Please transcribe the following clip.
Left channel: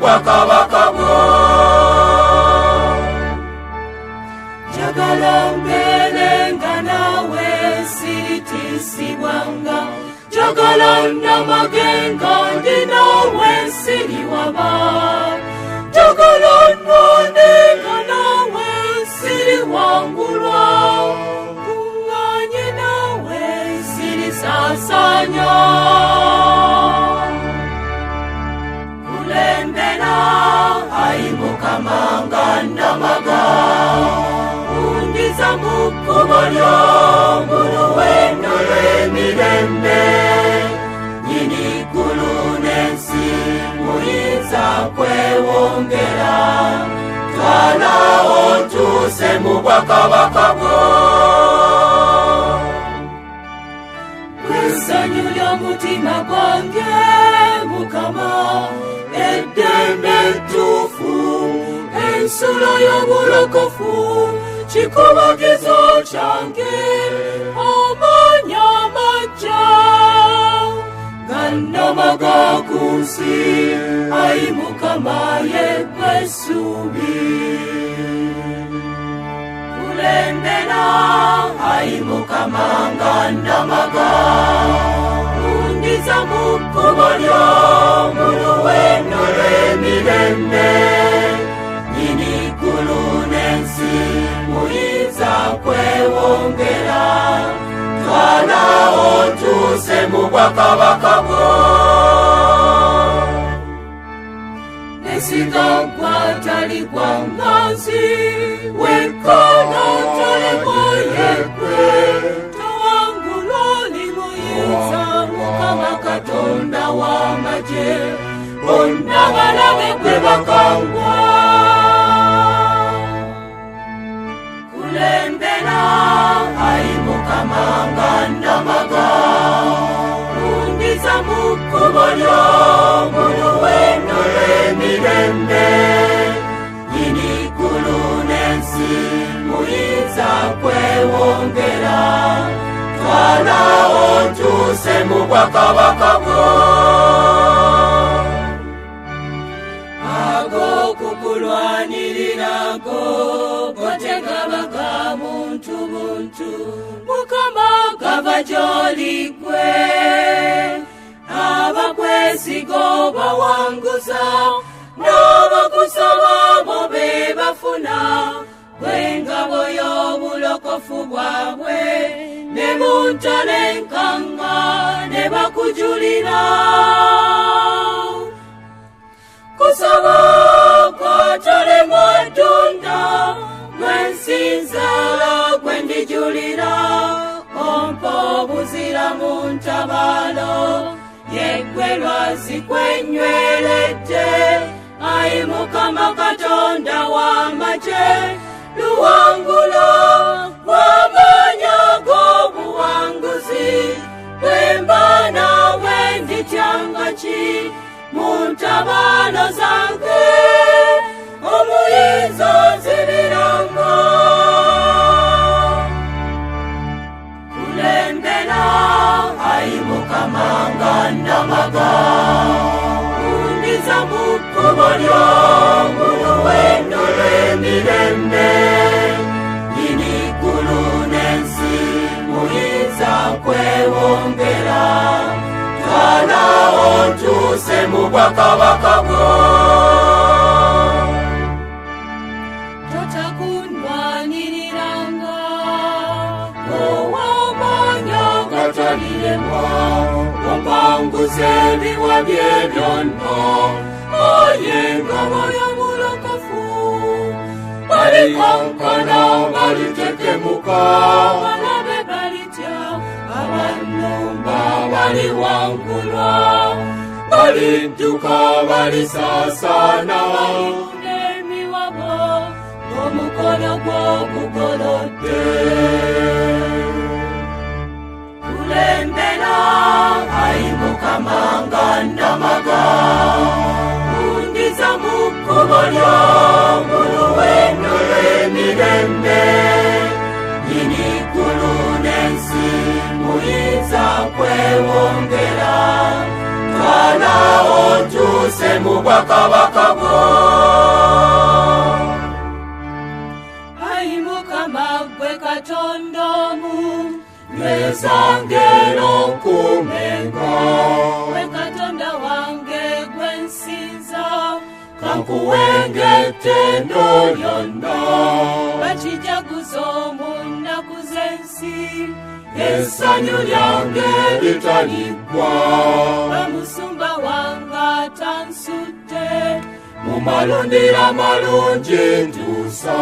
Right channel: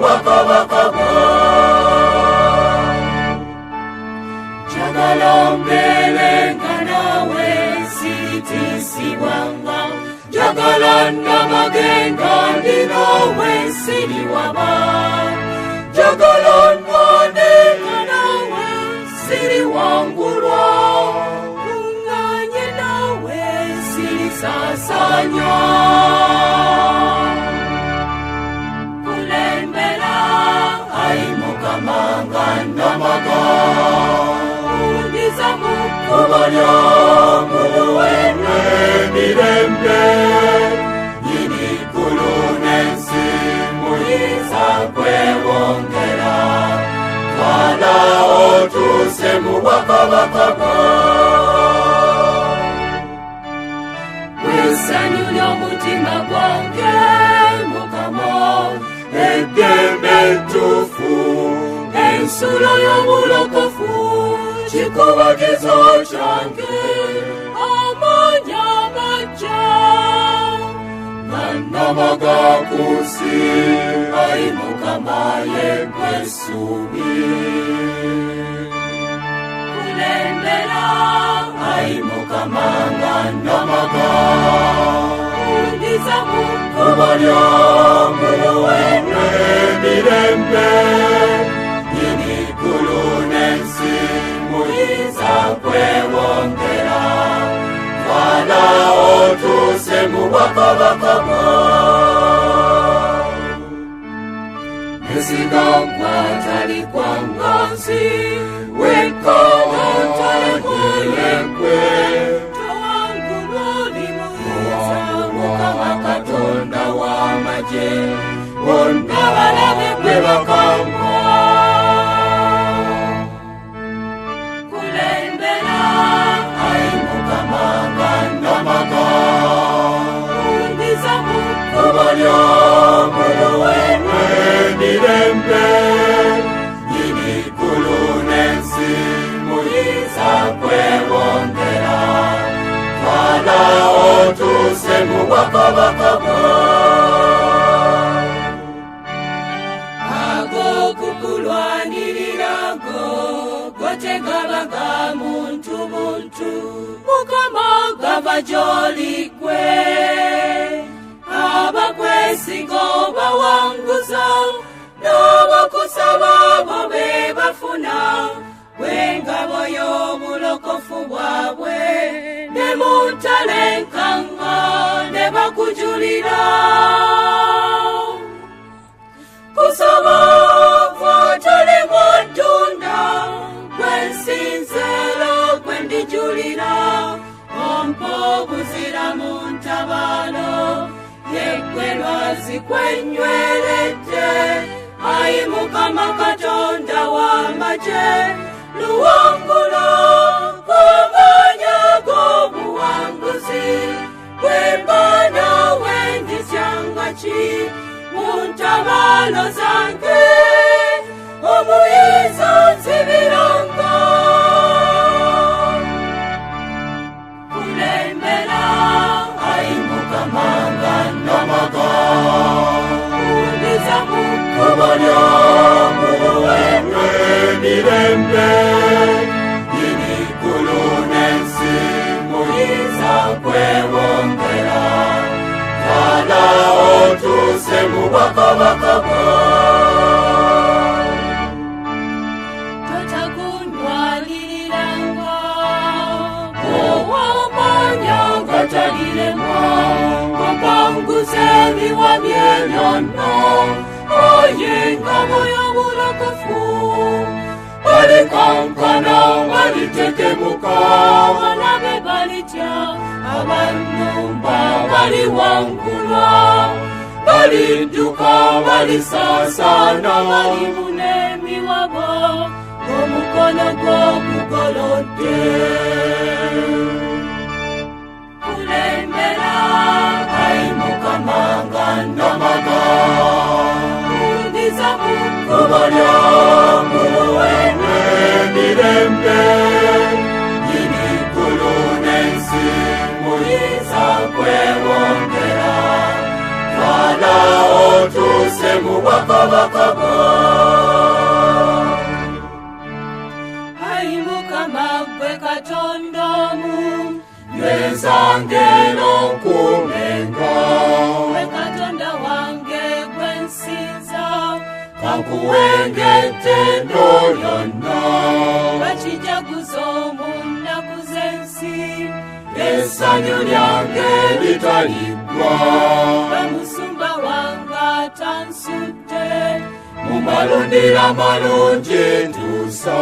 bwakabaka bwo. Njagala mbeerenga naawe sitisibwanga, njagala namagenga ndi naawe siriwaba, njagala nwanenga naawe siriwangulwa, kuŋŋaanye naawe sirisaasanya. Kulembera ayi Mukama nga namaga, undiza mu kkubo ly'omu luwendo lw'emirembe, nyini ggulu n'ensi muyinza kwewongera, twala otuuse mu bwakabaka bwo. Essanyu ly'omutima gwange Mukama, eddembe ettuufu, ensulo y'obulokofu, kikubagizo kyange, amaanyi amaggya nga namaga ku nsi, ayi Mukama ye ggwe essuubi. Kulembera ayi Mukama nga namaga, undiza mu kkubo ly'omu luwendo lw'emirembe, nyini ggulu n'ensi muyinza kwewongera, twala otuuse mu bwakabaka bwo. Nesigamwa tali kwa mbanzi, wekka otalewo yeggwe, tewangulwa oli muyinza, Mukama Katonda w'amagye, bonna balabe gwe bakangwa. Kulembera ayi Mukama nga namaga, undiza mu kkubo ly'omu luwendo lw'emirembe, nyini ggulu n'ensi muyinza kwewongera, twala otuuse mu bwakabaka bwo. Ag'okukulwanirirako gotegabaga muntu buntu, Mukama gava gy'oli ggwe, abakwesiga obawanguza, n'abakusaba bo be bafuna, w'engabo y'obulokofu bwabwe, ne mu ntalenkanga ne bakujulira. Kusaba kw'otali mu ddunda, gwe nsinza gwe ndijulira, ompa obuzira mu ntabaalo, yeggwe lwazi kwennyweredde, ayi Mukama Katonda w'amagye, luwangulo w'amaanyi ag'obuwanguzi, bwe mba naawe ndityanga ki mu ntabaalo zange, omuyinza nzibiranga. Kulembera ayi Mukama nga namaga, undiza mu kkubo ly'omu luwendo lw'emirembe, nyini ggulu n'ensi muyinza kwewongera, twala otuuse mu bwakabaka bwo. Totakunwaniranga, ow'amaanyi agataliremwa, omwanguza ebiwa by'ebyonna, oye engabo y'obulokofu, balikankana balitekemuka, balabe balitya, abannumba baliwangulwa, balidduka balisaasaana, balifuna emiwabo, omukono gw'omugolodde. Kulembera ayi Mukama nga namaga, undiza mu kkubo ly'omu luwendo lw'emirembe, nyini ggulu n'ensi muyinza kwewongera, twala otuuse mu bwakabaka okuwengete noyonna bakijaguza mu nnaku z'ensi essanyu lyange litaliggwa bamusumba wange atansudde mu malundiro amalungi ntuusa